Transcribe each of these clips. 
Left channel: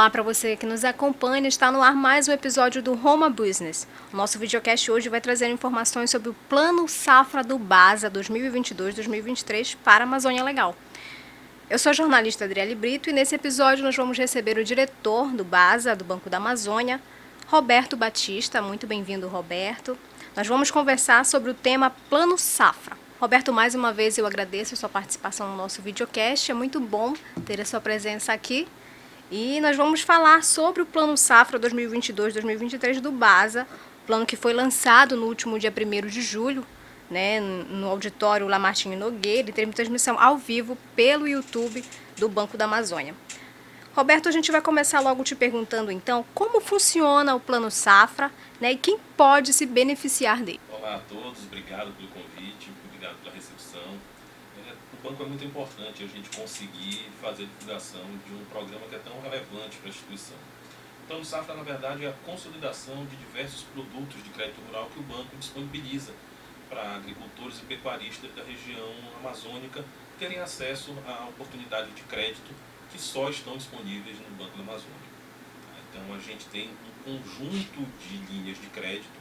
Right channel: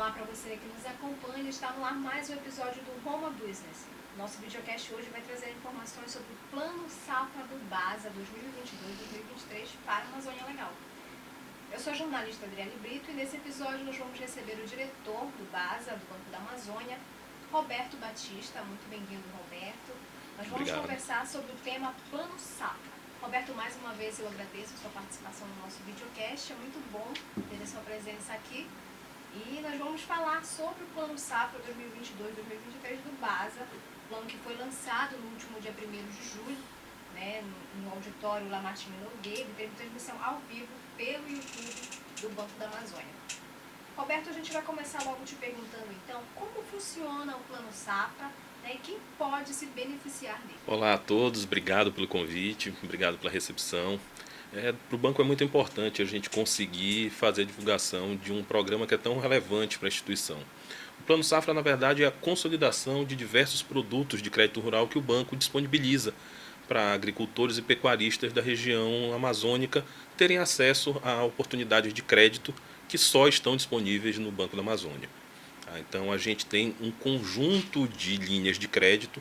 Olá para você que nos acompanha, está no ar mais um episódio do Home Business. O nosso videocast hoje vai trazer informações sobre o Plano Safra do BASA 2022-2023 para a Amazônia Legal. Eu sou a jornalista Adriele Brito e nesse episódio nós vamos receber o diretor do BASA, do Banco da Amazônia, Roberto Batista. Muito bem-vindo, Roberto. Nós vamos conversar sobre o tema Plano Safra. Roberto, mais uma vez eu agradeço a sua participação no nosso videocast. É muito bom ter a sua presença aqui. E nós vamos falar sobre o Plano Safra 2022-2023 do BASA, plano que foi lançado no último dia 1º de julho, né, no auditório Lamartine Nogueira, e teve transmissão ao vivo pelo YouTube do Banco da Amazônia. Roberto, a gente vai começar logo te perguntando, então, como funciona o Plano Safra, né, e quem pode se beneficiar dele? Olá a todos, obrigado pelo convite, obrigado pela recepção. Para o banco é muito importante a gente conseguir fazer a divulgação de um programa que é tão relevante para a instituição. O Plano Safra, na verdade, é a consolidação de diversos produtos de crédito rural que o banco disponibiliza para agricultores e pecuaristas da região amazônica terem acesso a oportunidades de crédito que só estão disponíveis no Banco da Amazônia. Então a gente tem um conjunto de linhas de crédito,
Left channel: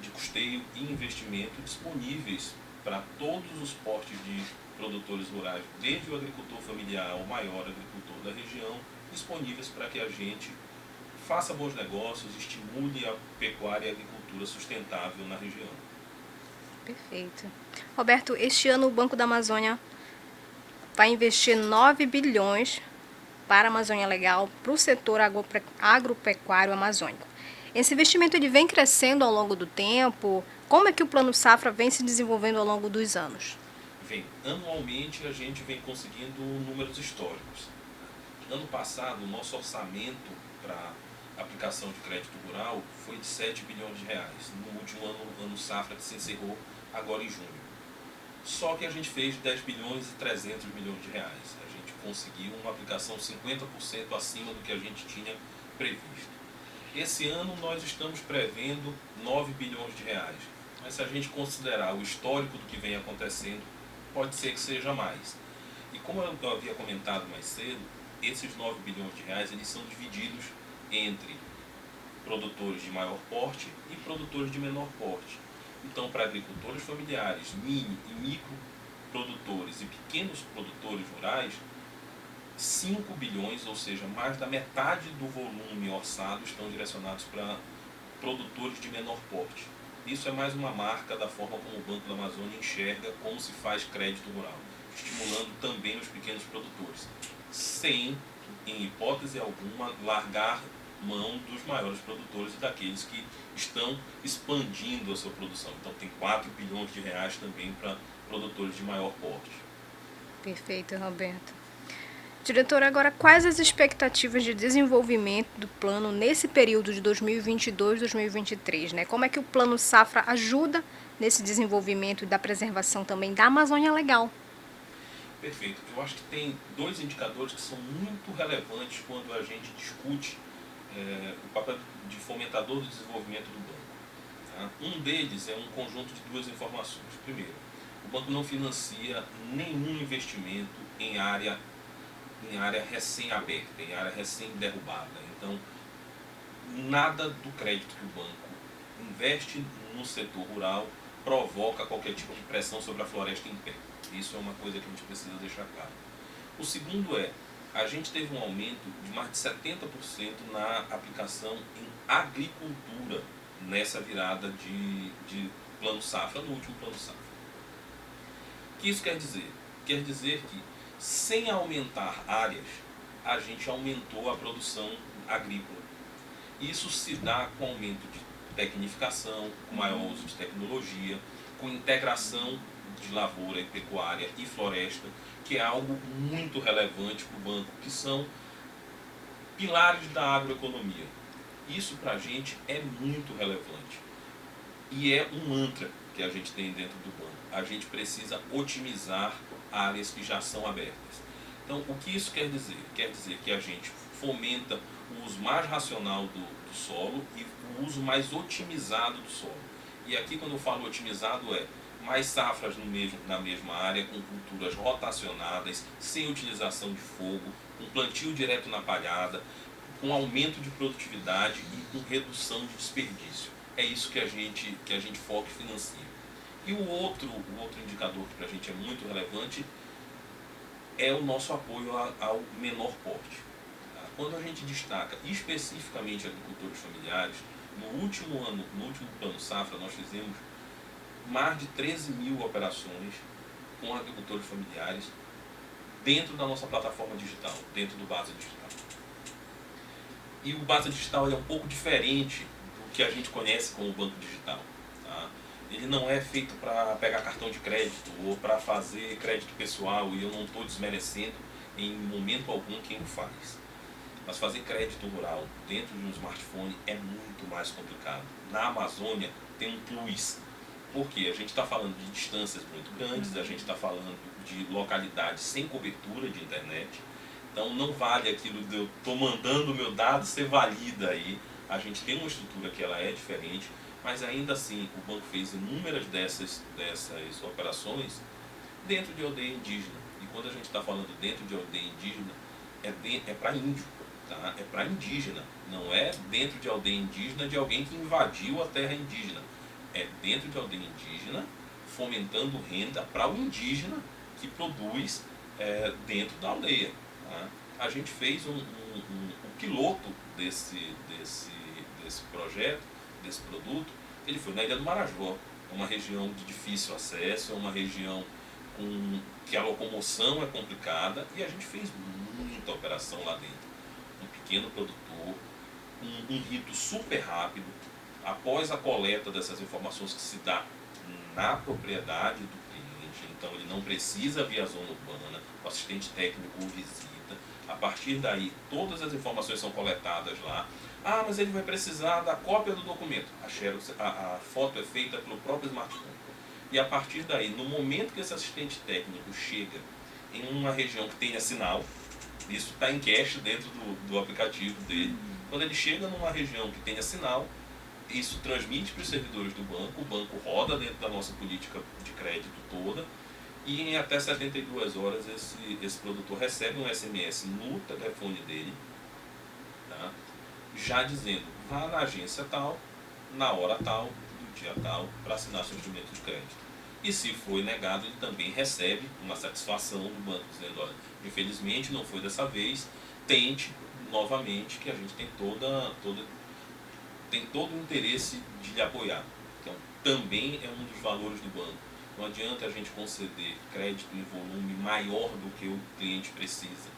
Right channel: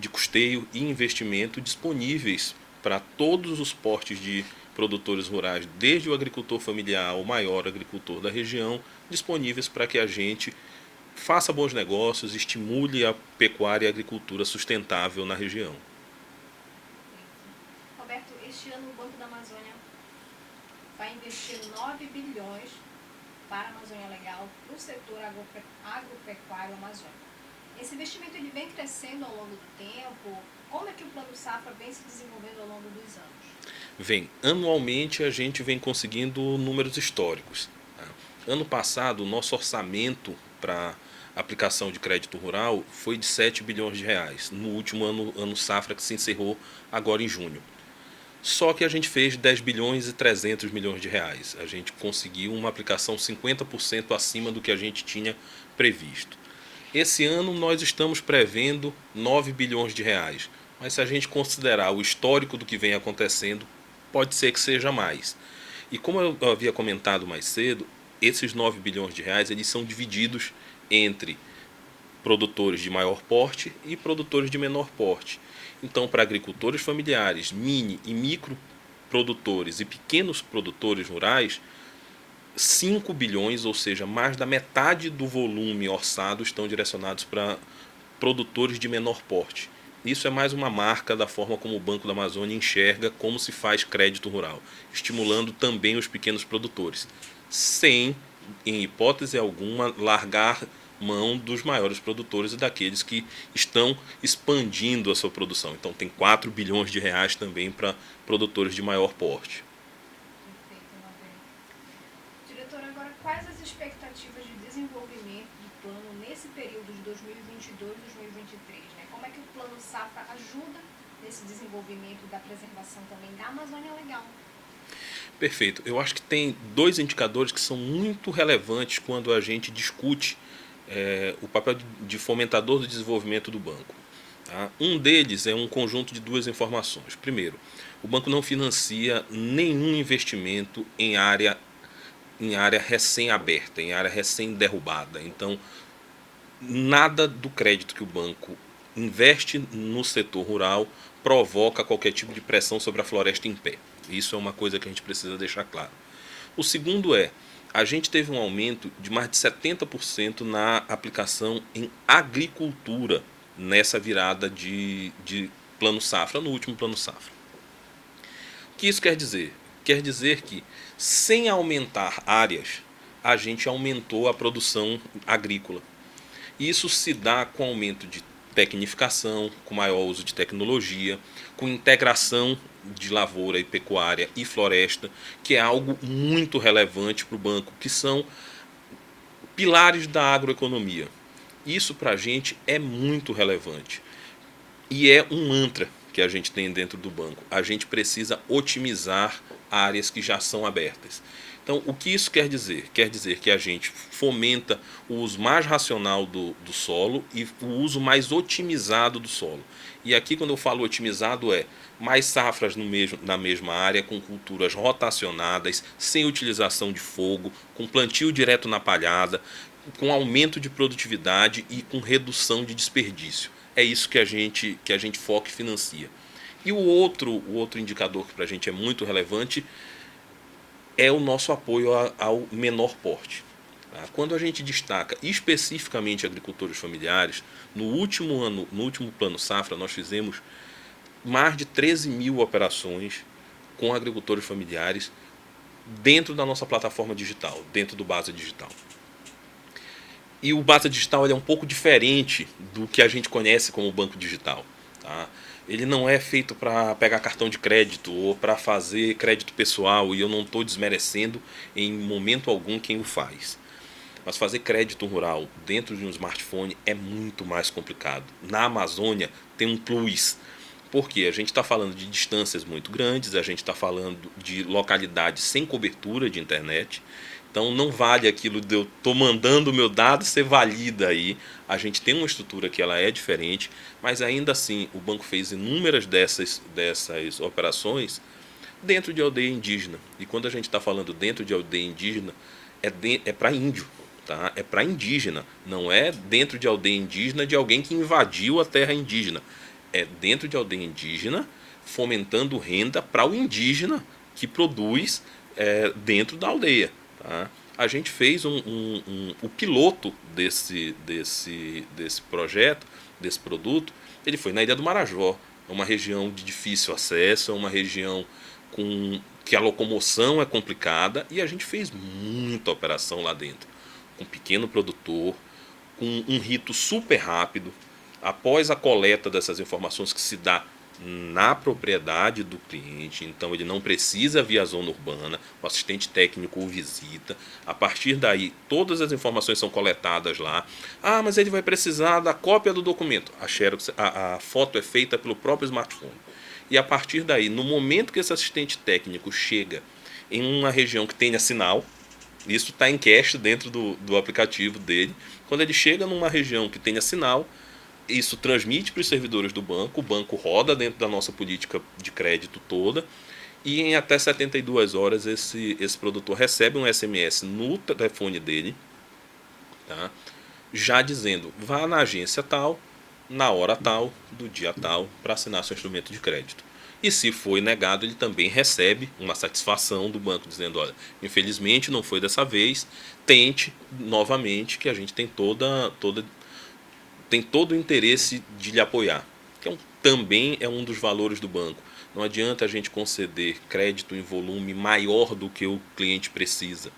de custeio e investimento disponíveis para todos os portes de produtores rurais, desde o agricultor familiar ao maior agricultor da região, disponíveis para que a gente faça bons negócios, estimule a pecuária e a agricultura sustentável na região. Perfeito. Roberto, este ano o Banco da Amazônia vai investir 9 bilhões para a Amazônia Legal, para o setor agropecuário amazônico. Esse investimento ele vem crescendo ao longo do tempo. Como é que o Plano Safra vem se desenvolvendo ao longo dos anos? Anualmente a gente vem conseguindo números históricos. Ano passado, o nosso orçamento para aplicação de crédito rural foi de 7 bilhões de reais, no último ano Safra que se encerrou agora em junho. Só que a gente fez 10 bilhões e 300 milhões de reais. A gente conseguiu uma aplicação 50% acima do que a gente tinha previsto. Esse ano nós estamos prevendo 9 bilhões de reais. Mas se a gente considerar o histórico do que vem acontecendo, pode ser que seja mais. E como eu havia comentado mais cedo, esses 9 bilhões de reais eles são divididos entre produtores de maior porte e produtores de menor porte. Então, para agricultores familiares, mini e micro produtores e pequenos produtores rurais, 5 bilhões, ou seja, mais da metade do volume orçado, estão direcionados para produtores de menor porte. Isso é mais uma marca da forma como o Banco da Amazônia enxerga como se faz crédito rural, estimulando também os pequenos produtores, sem, em hipótese alguma, largar mão dos maiores produtores e daqueles que estão expandindo a sua produção. Então tem 4 bilhões de reais também para produtores de maior porte. Perfeito, Roberto. Diretor, agora quais as expectativas de desenvolvimento do plano nesse período de 2022-2023, né? Como é que o Plano Safra ajuda nesse desenvolvimento e da preservação também da Amazônia Legal? Perfeito. Eu acho que tem dois indicadores que são muito relevantes quando a gente discute o papel de fomentador do desenvolvimento do banco. Tá? Um deles é um conjunto de duas informações. Primeiro, o banco não financia nenhum investimento em área recém-aberta, em área recém-derrubada. Então, nada do crédito que o banco investe no setor rural provoca qualquer tipo de pressão sobre a floresta em pé. Isso é uma coisa que a gente precisa deixar claro. O segundo a gente teve um aumento de mais de 70% na aplicação em agricultura nessa virada de plano safra, no último plano safra. O que isso quer dizer? Quer dizer que, sem aumentar áreas, a gente aumentou a produção agrícola. Isso se dá com aumento de tecnificação, com maior uso de tecnologia, com integração de lavoura e pecuária e floresta, que é algo muito relevante para o banco, que são pilares da agroeconomia. Isso para a gente é muito relevante. E é um mantra que a gente tem dentro do banco. A gente precisa otimizar áreas que já são abertas. Então, o que isso quer dizer? Quer dizer que a gente fomenta o uso mais racional do solo e o uso mais otimizado do solo. E aqui, quando eu falo otimizado, mais safras na mesma área, com culturas rotacionadas, sem utilização de fogo, com plantio direto na palhada, com aumento de produtividade e com redução de desperdício. É isso que a gente foca e financia. E o outro indicador que para a gente é muito relevante é o nosso apoio ao menor porte. Quando a gente destaca especificamente agricultores familiares, no último ano, no último plano safra, nós fizemos mais de 13 mil operações com agricultores familiares dentro da nossa plataforma digital, dentro do Basa Digital. E o Basa Digital ele é um pouco diferente do que a gente conhece como banco digital. Tá? Ele não é feito para pegar cartão de crédito ou para fazer crédito pessoal, e eu não estou desmerecendo em momento algum quem o faz. Mas fazer crédito rural dentro de um smartphone é muito mais complicado. Na Amazônia tem um plus, porque a gente está falando de distâncias muito grandes, a gente está falando de localidades sem cobertura de internet. Então não vale aquilo de eu estou mandando o meu dado ser valida aí. A gente tem uma estrutura que ela é diferente, mas ainda assim o banco fez inúmeras dessas operações dentro de aldeia indígena. E quando a gente está falando dentro de aldeia indígena, é para índio. Tá? É para indígena, não é dentro de aldeia indígena de alguém que invadiu a terra indígena. É dentro de aldeia indígena, fomentando renda para o indígena que produz dentro da aldeia. Tá? A gente fez o piloto desse projeto, desse produto, ele foi na Ilha do Marajó, uma região de difícil acesso, é uma região que a locomoção é complicada, e a gente fez muita operação lá dentro. Um pequeno produtor, com um rito super rápido, após a coleta dessas informações que se dá na propriedade do cliente, então ele não precisa via zona urbana, o assistente técnico o visita, a partir daí todas as informações são coletadas lá. Ah, mas ele vai precisar da cópia do documento, a foto é feita pelo próprio smartphone, e a partir daí, no momento que esse assistente técnico chega em uma região que tenha sinal, isso está em cache dentro do aplicativo dele. Quando ele chega numa região que tenha sinal, isso transmite para os servidores do banco, o banco roda dentro da nossa política de crédito toda, e em até 72 horas esse produtor recebe um SMS no telefone dele, tá? Já dizendo, vá na agência tal, na hora tal, do dia tal, para assinar seu instrumento de crédito. E se foi negado, ele também recebe uma satisfação do banco dizendo, olha, infelizmente não foi dessa vez, tente novamente, que a gente tem tem todo o interesse de lhe apoiar. Que também é um dos valores do banco. Não adianta a gente conceder crédito em volume maior do que o cliente precisa.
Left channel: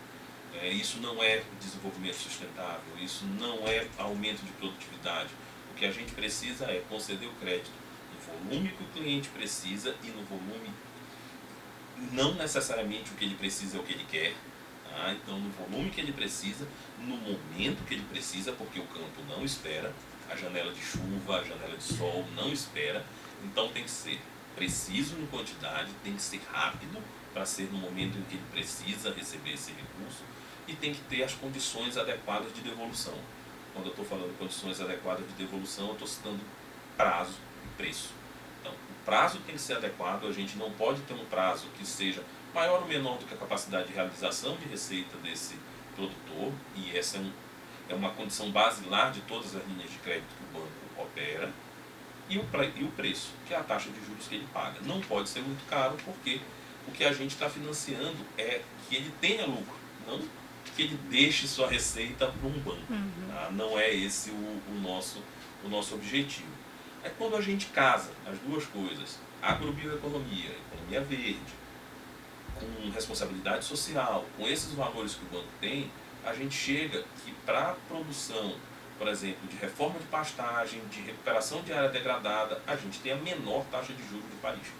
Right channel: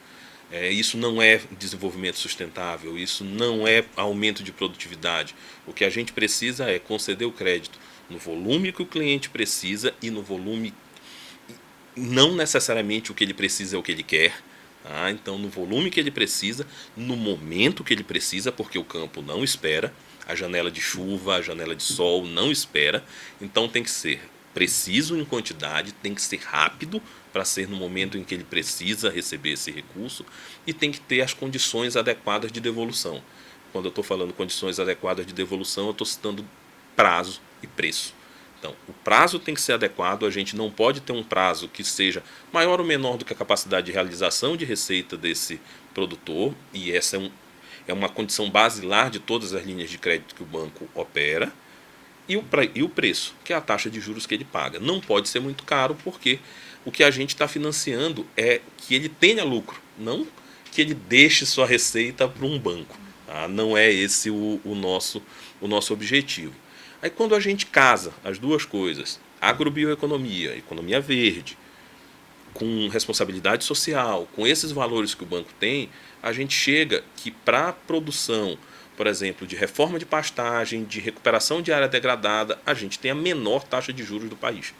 Isso não é desenvolvimento sustentável, isso não é aumento de produtividade. O que a gente precisa é conceder o crédito no volume que o cliente precisa e no volume, não necessariamente o que ele precisa é o que ele quer. Tá? Então, no volume que ele precisa, no momento que ele precisa, porque o campo não espera, a janela de chuva, a janela de sol não espera. Então, tem que ser preciso em quantidade, tem que ser rápido para ser no momento em que ele precisa receber esse recurso, e tem que ter as condições adequadas de devolução. Quando eu estou falando condições adequadas de devolução, eu estou citando prazo e preço. Então, o prazo tem que ser adequado, a gente não pode ter um prazo que seja maior ou menor do que a capacidade de realização de receita desse produtor, e essa é uma condição basilar de todas as linhas de crédito que o banco opera, e o preço, que é a taxa de juros que ele paga. Não pode ser muito caro, porque o que a gente está financiando é que ele tenha lucro, não que ele deixe sua receita para um banco. Tá? Não é esse o nosso objetivo. Aí quando a gente casa as duas coisas, agrobioeconomia, economia verde, com responsabilidade social, com esses valores que o banco tem, a gente chega que para a produção, por exemplo, de reforma de pastagem, de recuperação de área degradada, a gente tem a menor taxa de juros do país.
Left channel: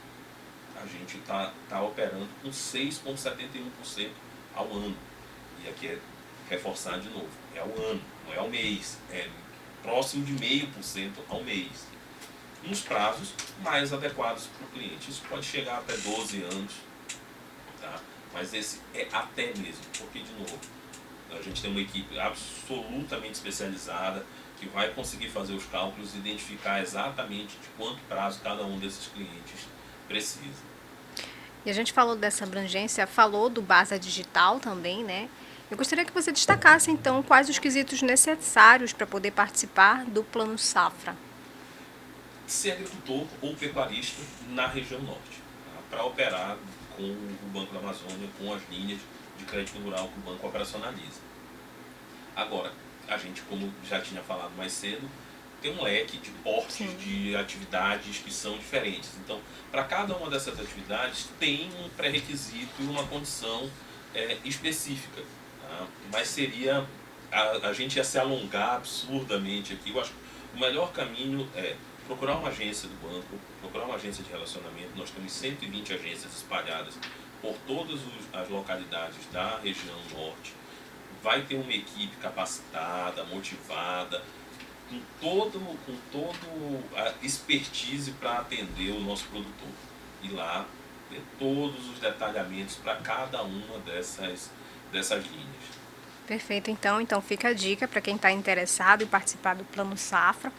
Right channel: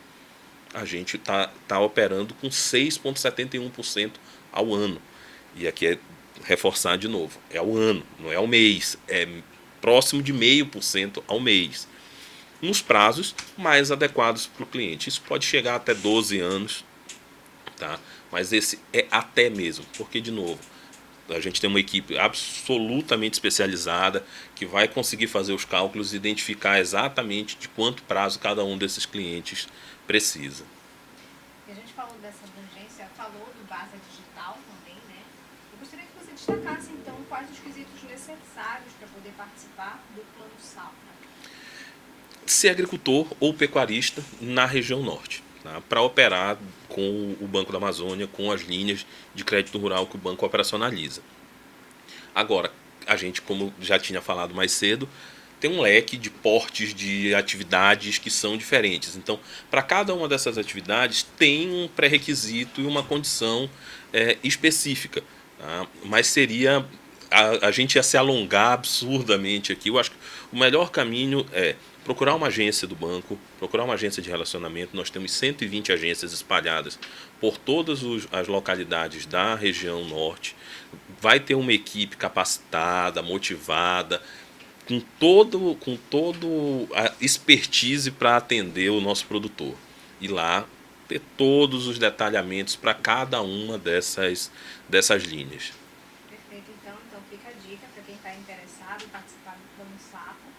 A gente está operando com 6,71% ao ano. E aqui é reforçar de novo, é ao ano, não é ao mês, é próximo de 0,5% ao mês, nos prazos mais adequados para o cliente. Isso pode chegar até 12 anos, tá? Mas esse é até mesmo, porque, de novo, a gente tem uma equipe absolutamente especializada que vai conseguir fazer os cálculos e identificar exatamente de quanto prazo cada um desses clientes precisa. E a gente falou dessa abrangência, falou do Basa Digital também, né? Eu gostaria que você destacasse, então, quais os quesitos necessários para poder participar do Plano Safra. Ser agricultor ou pecuarista na região norte, tá? Para operar com o Banco da Amazônia, com as linhas de crédito rural que o banco operacionaliza. Agora, a gente, como já tinha falado mais cedo, tem um leque de portes de atividades que são diferentes. Então, para cada uma dessas atividades tem um pré-requisito e uma condição específica. Tá? Mas seria... A gente ia se alongar absurdamente aqui. Eu acho que o melhor caminho é procurar uma agência do banco, procurar uma agência de relacionamento. Nós temos 120 agências espalhadas por todas as localidades da região norte. Vai ter uma equipe capacitada, motivada, com todo a expertise para atender o nosso produtor. E lá ter todos os detalhamentos para cada uma dessas linhas. Perfeito, então fica a dica para quem está interessado em participar do Plano Safra.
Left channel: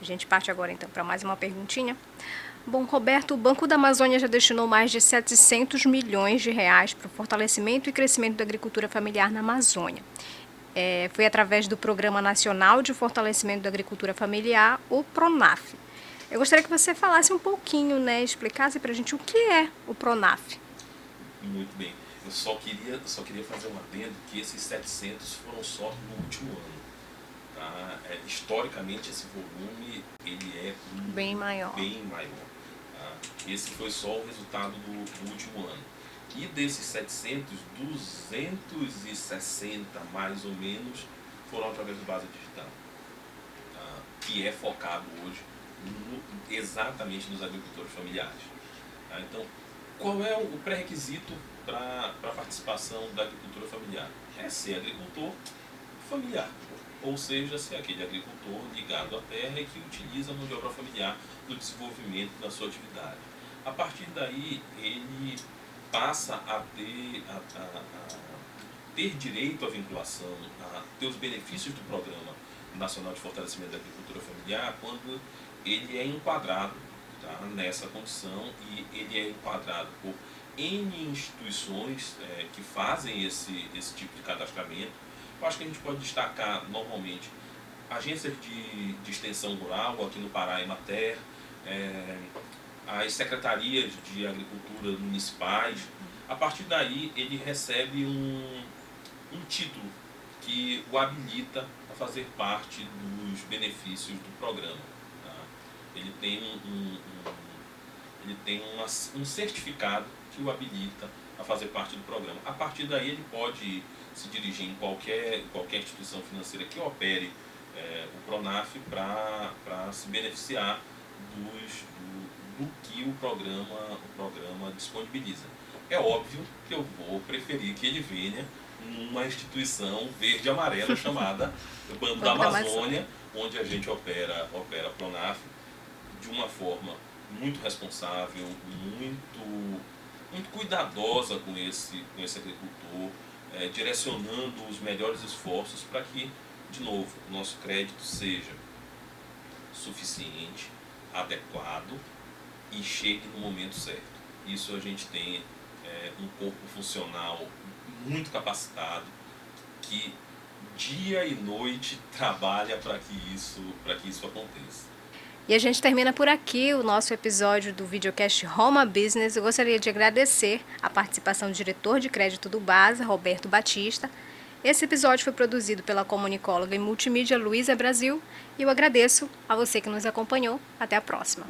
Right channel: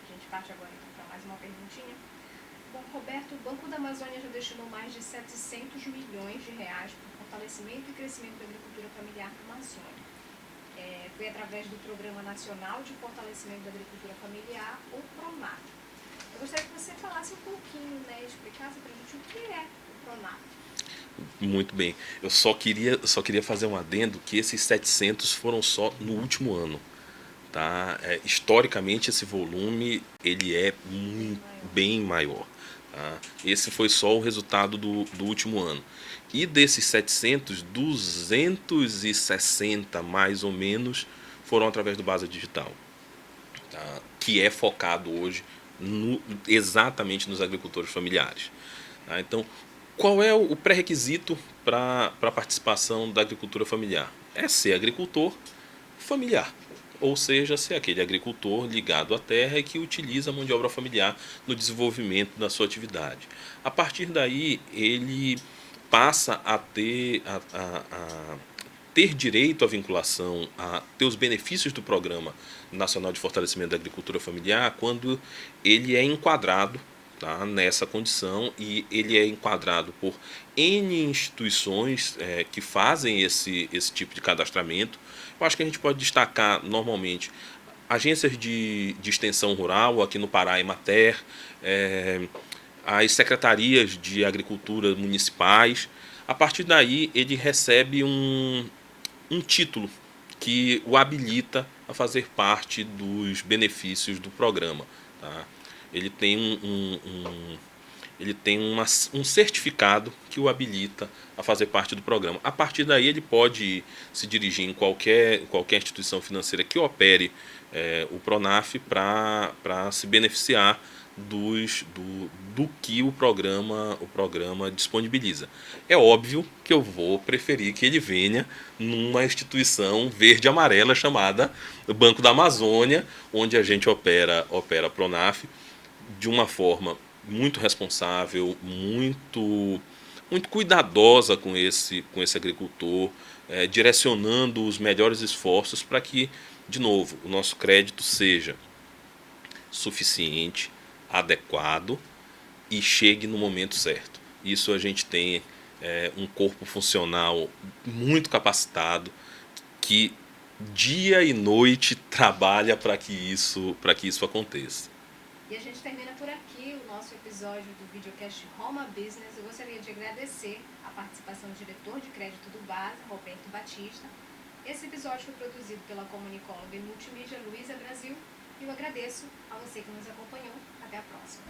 A gente parte agora então para mais uma perguntinha. Bom, Roberto, o Banco da Amazônia já destinou mais de 700 milhões de reais para o fortalecimento e crescimento da agricultura familiar na Amazônia. Foi através do Programa Nacional de Fortalecimento da Agricultura Familiar, o PRONAF. Eu gostaria que você falasse um pouquinho, né, explicasse para a gente o que é o PRONAF. Muito bem. Eu só queria fazer um adendo que esses 700 foram só no último ano. Tá? Historicamente, esse volume ele é bem maior. Tá? Esse foi só o resultado do último ano. E desses 700, 260 mais ou menos foram através do Basa Digital, tá? Que é focado hoje exatamente nos agricultores familiares. Tá? Então, qual é o pré-requisito para a participação da agricultura familiar? É ser agricultor familiar, ou seja, ser aquele agricultor ligado à terra e que utiliza a mão de obra familiar no desenvolvimento da sua atividade. A partir daí, ele passa a ter direito à vinculação, a ter os benefícios do Programa Nacional de Fortalecimento da Agricultura Familiar quando ele é enquadrado, tá, nessa condição, e ele é enquadrado por N instituições que fazem esse tipo de cadastramento. Eu acho que a gente pode destacar normalmente agências de extensão rural, aqui no Pará, Emater, as secretarias de agricultura municipais. A partir daí ele recebe um título que o habilita a fazer parte dos benefícios do programa. Tá? Ele tem um certificado que o habilita a fazer parte do programa. A partir daí ele pode se dirigir em qualquer instituição financeira que opere o PRONAF para se beneficiar do que o programa disponibiliza. É óbvio que eu vou preferir que ele venha numa instituição verde e amarela chamada Banco da Amazônia, onde a gente opera PRONAF de uma forma muito responsável, muito cuidadosa com esse agricultor, direcionando os melhores esforços para que, de novo, o nosso crédito seja suficiente, adequado e chegue no momento certo. Isso a gente tem um corpo funcional muito capacitado que dia e noite trabalha para que isso aconteça. E a gente termina por aqui o nosso episódio do videocast Homa Business. Eu gostaria de agradecer a participação do diretor de crédito do Basa, Roberto Batista. Esse episódio foi produzido pela comunicóloga e multimídia Luísa Brasil e eu agradeço a você que nos acompanhou. Até a próxima.